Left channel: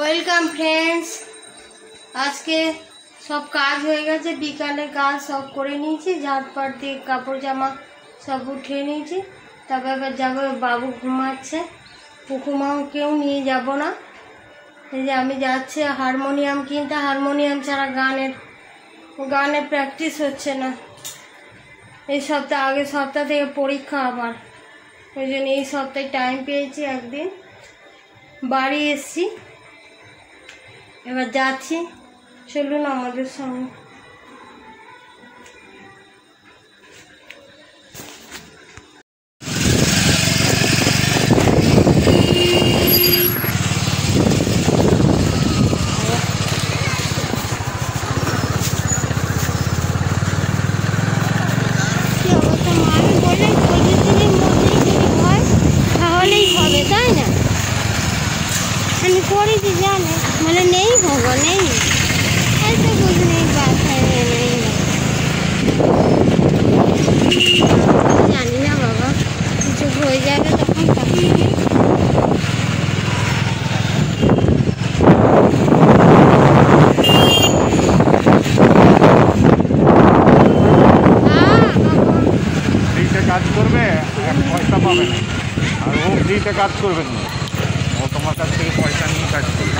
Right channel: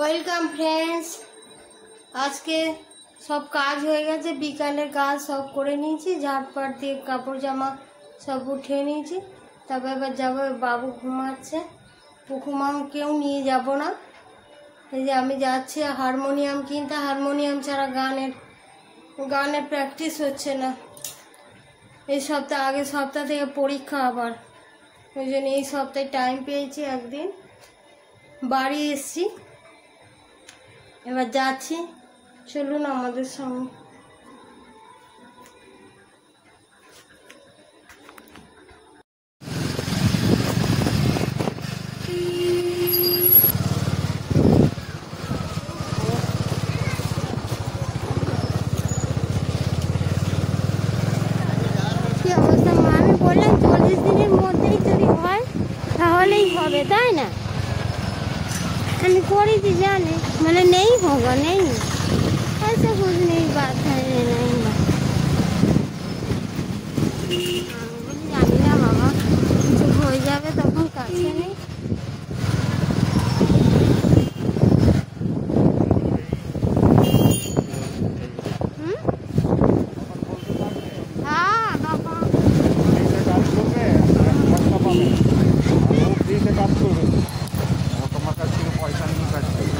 Welcome friends. আজকে সব কাজ হয়ে গেছে, বিকালের কাজ সব করে নিয়েছি, ঝাড়পাট দিয়ে কাপড় জামা সব উঠিয়ে নিয়েছি। তারপর এবার যাবো, বাবু ঘুমাচ্ছে, পুকুমাকেও নিয়ে যাব না। এই যে আমি যাচ্ছি হারমোনিয়াম কিনতে, হারমোনিয়াম ছাড়া গানের প্র্যাকটিস হচ্ছে না। এই আগের সপ্তাহ থেকে পরীক্ষা আবার, ওই জন্য এই সপ্তাহে টাইম পেয়েছি, একদিন বাড়ি এসছি। এবার যাচ্ছি, চলুন আমাদের সঙ্গে। কাজ করবে, তোমার কাছ থেকে পয়সা নিয়ে কাজ করবে।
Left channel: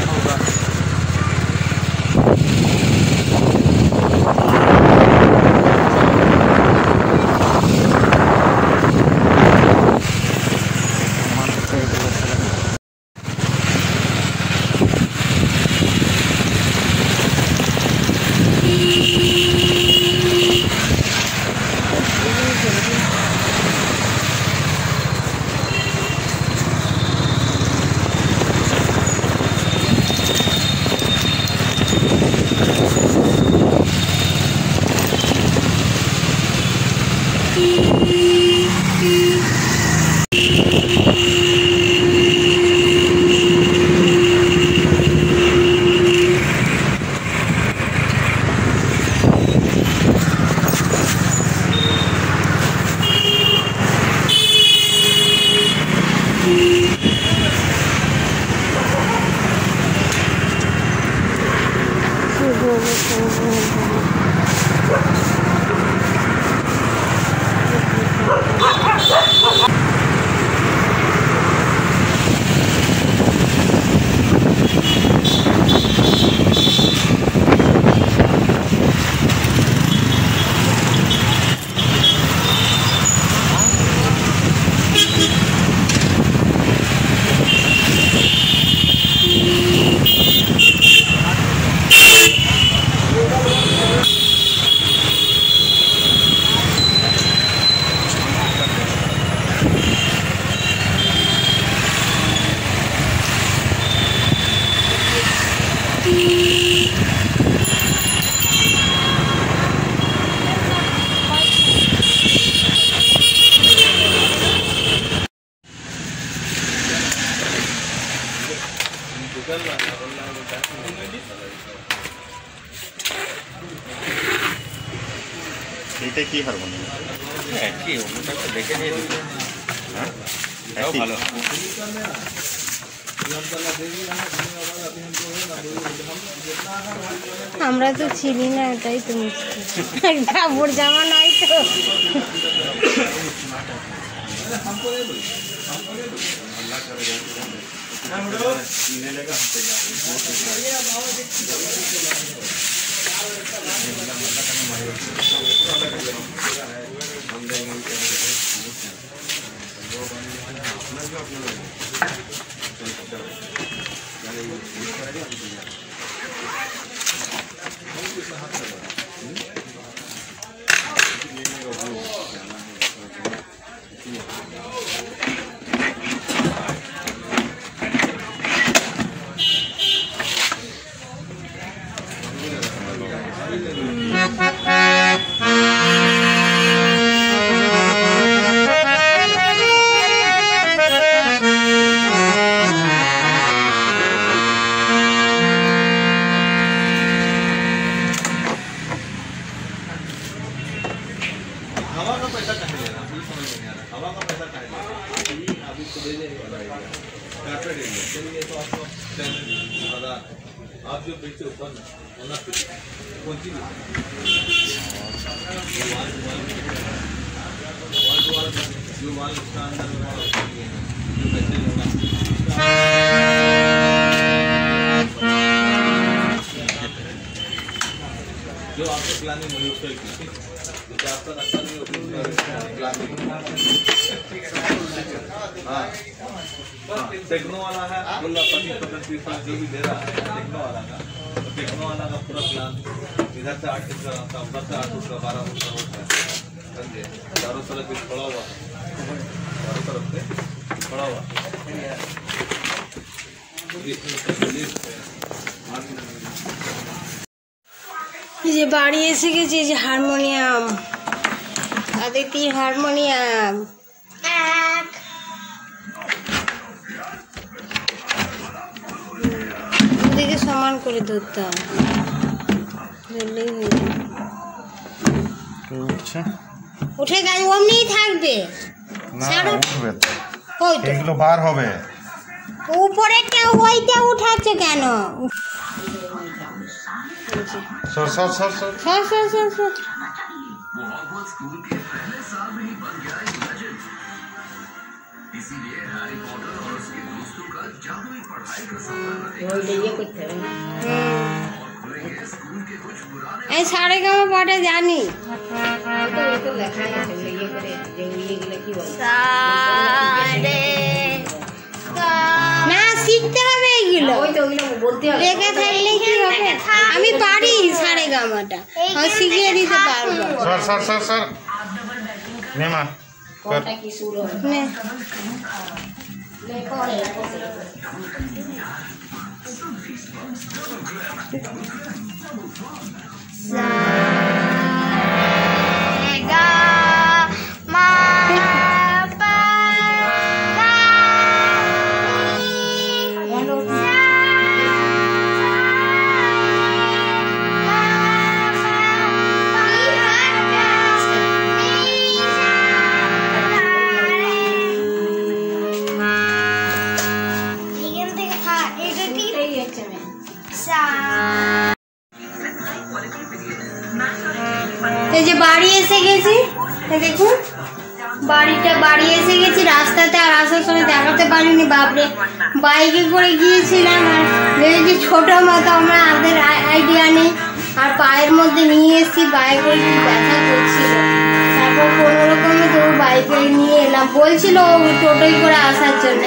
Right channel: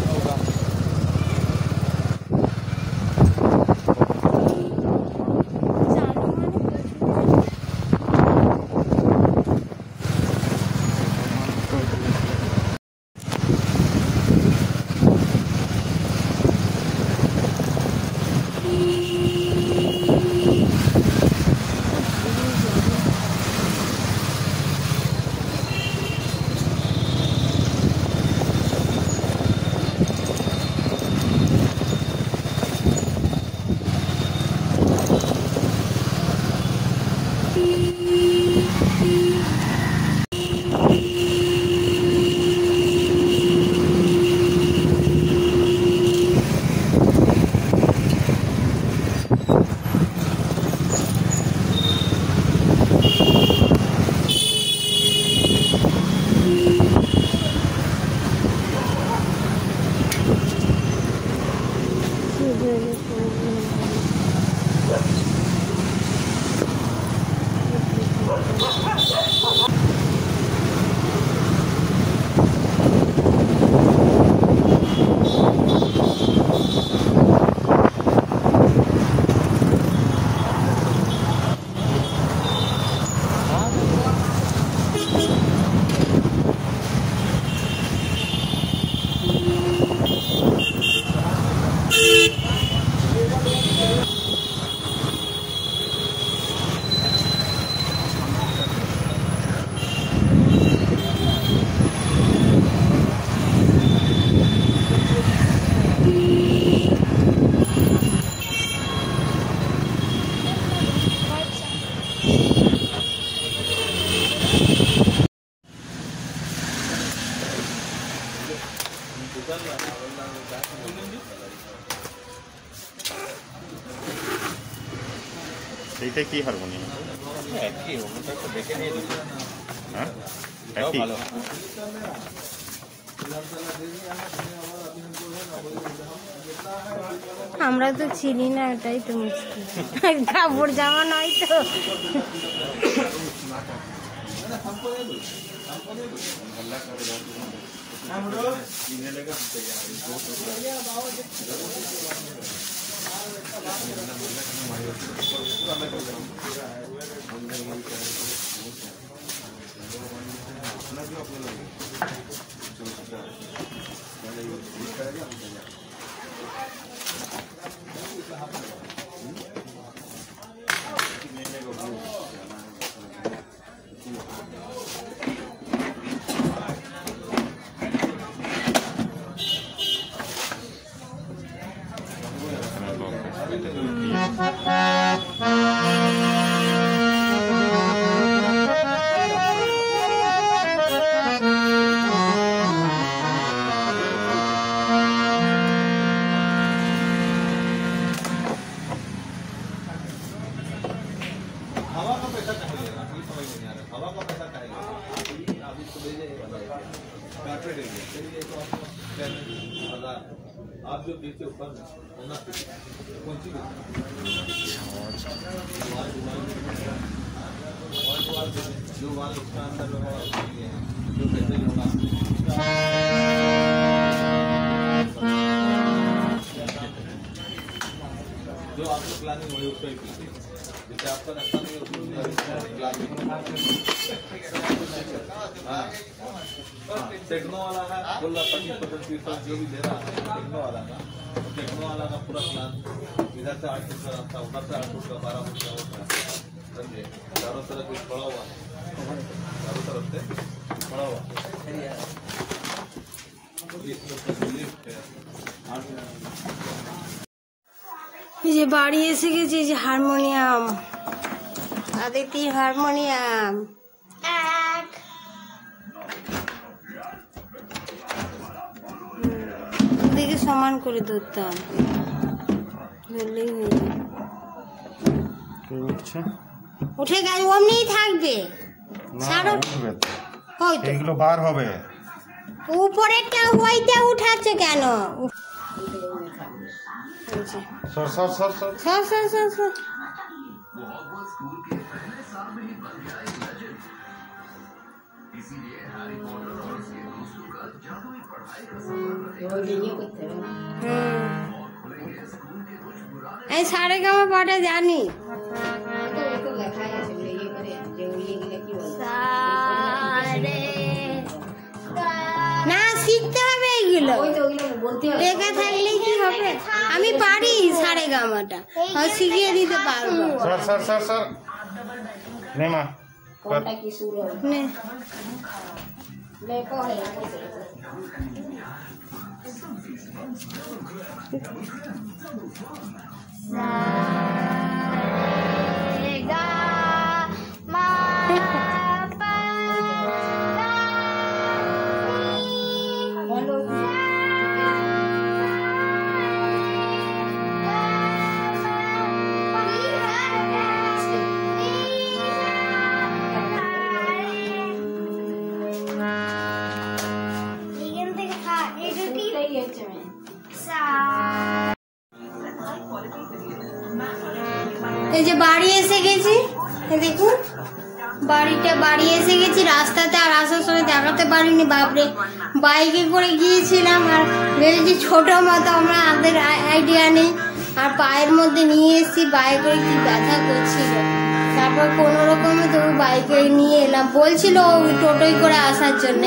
এটা কি হারমোনিয়াম? কি ওটা দেখে নিয়ে দিতে। হ্যাঁ, এটাও ভালো। আমরা তো চিনি না, এটাই তো মুশকিল। কাপড় জামা নাই তো। जो आपको प्लानिंग वही उसका जैसे आपका लगता नहीं टेक्नो वाला है बोला 25-30 जो भी दे रहा है टेक्नो वाला का तो टेक्नो वाला का पूरा प्लान इधर से 8 फुट का रास्ता उधर से 8 फुट का 12 फुट का रोड है समझे चारों तरफ भी छोड़ा हुआ चारों तरफ से छोड़ा हुआ যে বাড়ি এসে গেছি যে হারমোনিয়াম আদিতি হারমোনিয়াম ওদিকে সমান করে ধরতাম ধরলেই হয়ে যাবে উঠে গেছে অমনিই থাকবে এগুলো বার হবে উপরেরটা ওইটা উঠাচ্ছে কেন সর সর সর সর সর সর সর সর এই সাড়ে গামা পাটা জানি না শিখতে হবে এইগুলো লেখা থাকলে কি হবে আমি পারি সাড়ে গামাটা শিখিয়ে দিতে পারবো সর সর সর সর নেমা নে এই যে বাড়ি এসে গেছি দেখুন বাড়ি এসে গেছি রাস্তাতে আর আসার সময় দেখাতে পারিনি বাপরে বাইকে করে গিয়েছিলাম আর ভেবেছি ছোট মতো আমরা আমাদের আইডিয়া নেই আর পায়ের মধ্যে নিয়ে এসেছি বাইক করে কি ব্যথা করছিল তারপর কোনো রকমে তো বাইকে নিয়ে এলাম বলছিল ওই টোটোই করে আসার জন্য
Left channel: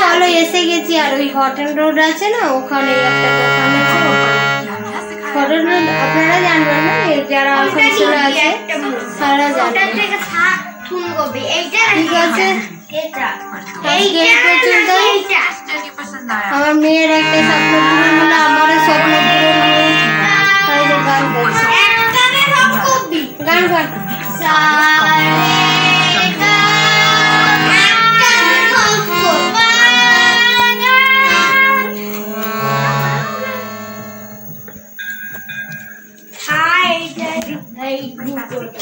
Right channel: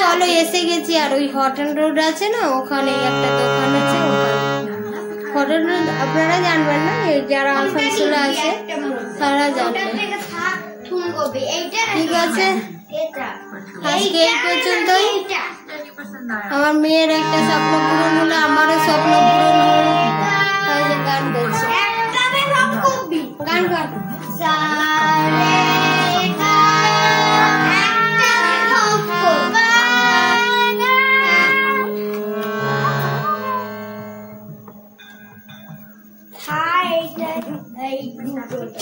চলো এসে গেছি আর ওই হটন রোড আছে না ওখানে একটা দোকান আছে হটন রোড আপনারা জানবেন না যারা আসানসোলে আছে তারা জানবেন ঠিক আছে আমার মেয়ের একটা স্বপ্ন পূরণ হলো আমারও স্বপ্ন পূরণ হলো গান করছে গান কর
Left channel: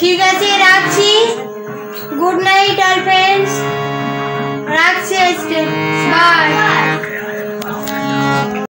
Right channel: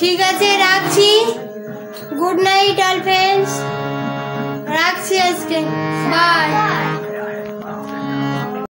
ঠিক আছে রাখছি গুড নাইট অল ফ্রেন্ডস রাখছি আজকে বাই